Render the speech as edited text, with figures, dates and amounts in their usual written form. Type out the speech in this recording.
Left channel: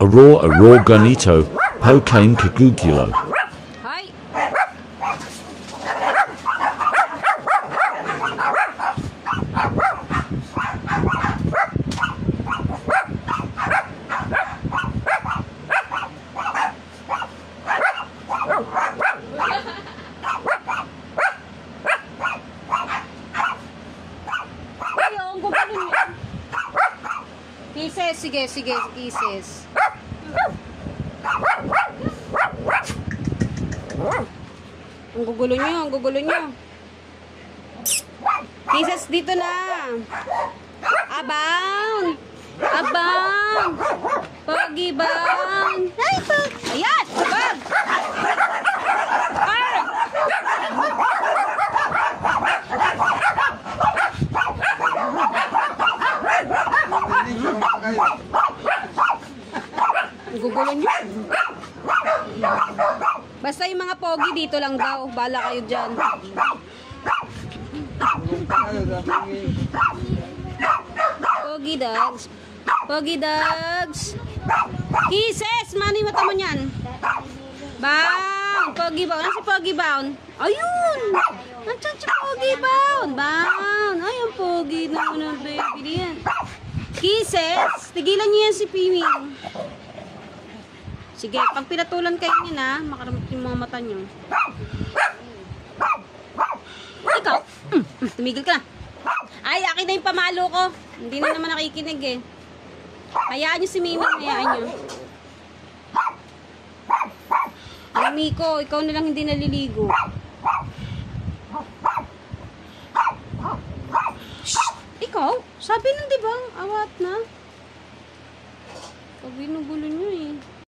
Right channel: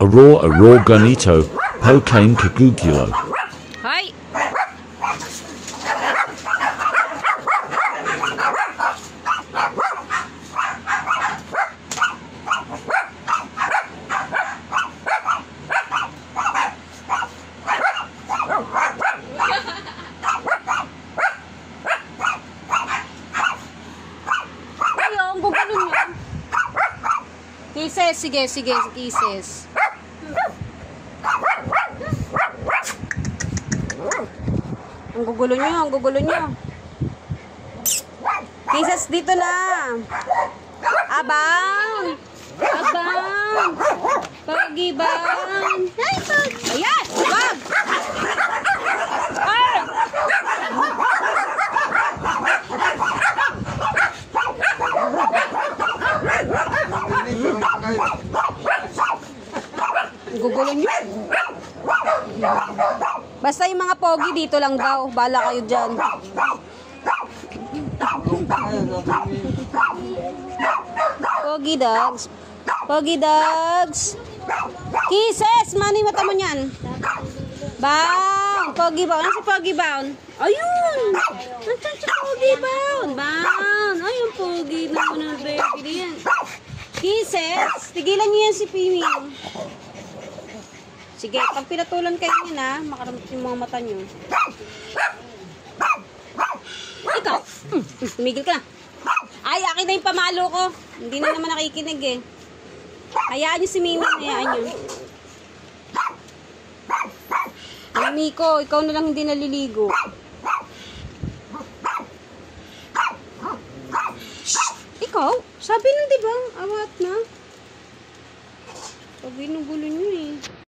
Aurora ganito, Pokane kagugulo. Hay! Ayun, gugulon yun. Kisses, sige, sige, kisses. Ang gugulo nyo, ang gugulo nyo. Kisses dito na. Abang! Abang! Pogi bang! Ay, pag! Ayan! Wag! Ay! Ang gugulo nyo. Basta yung mga pogi dito lang daw. Bala kayo dyan. Pogi dogs. Pogi dogs. Kisses! Mani mata mo niyan. Bang! Pogi bound. Ano si Pogi bound? Ayun! Nandiyan si Pogi bound. Bound. Ayun, pogi naman ang baby diyan. Kisses! Tigilan niyo yan si Pini. Sige, pag pinatulan kayo niyan ha, makaramot yung mga mata niyo. Ikaw! Tumigil ka na. Ay, akin na yung pamalo ko. Hindi na naman nakikinig eh. Hayaan niyo si Mimi, hayaan niyo. Ang Miko, ikaw na lang hindi naliligo. Shh! Ikaw? Sabi nung diba, awat na. Pag binugulo niyo eh.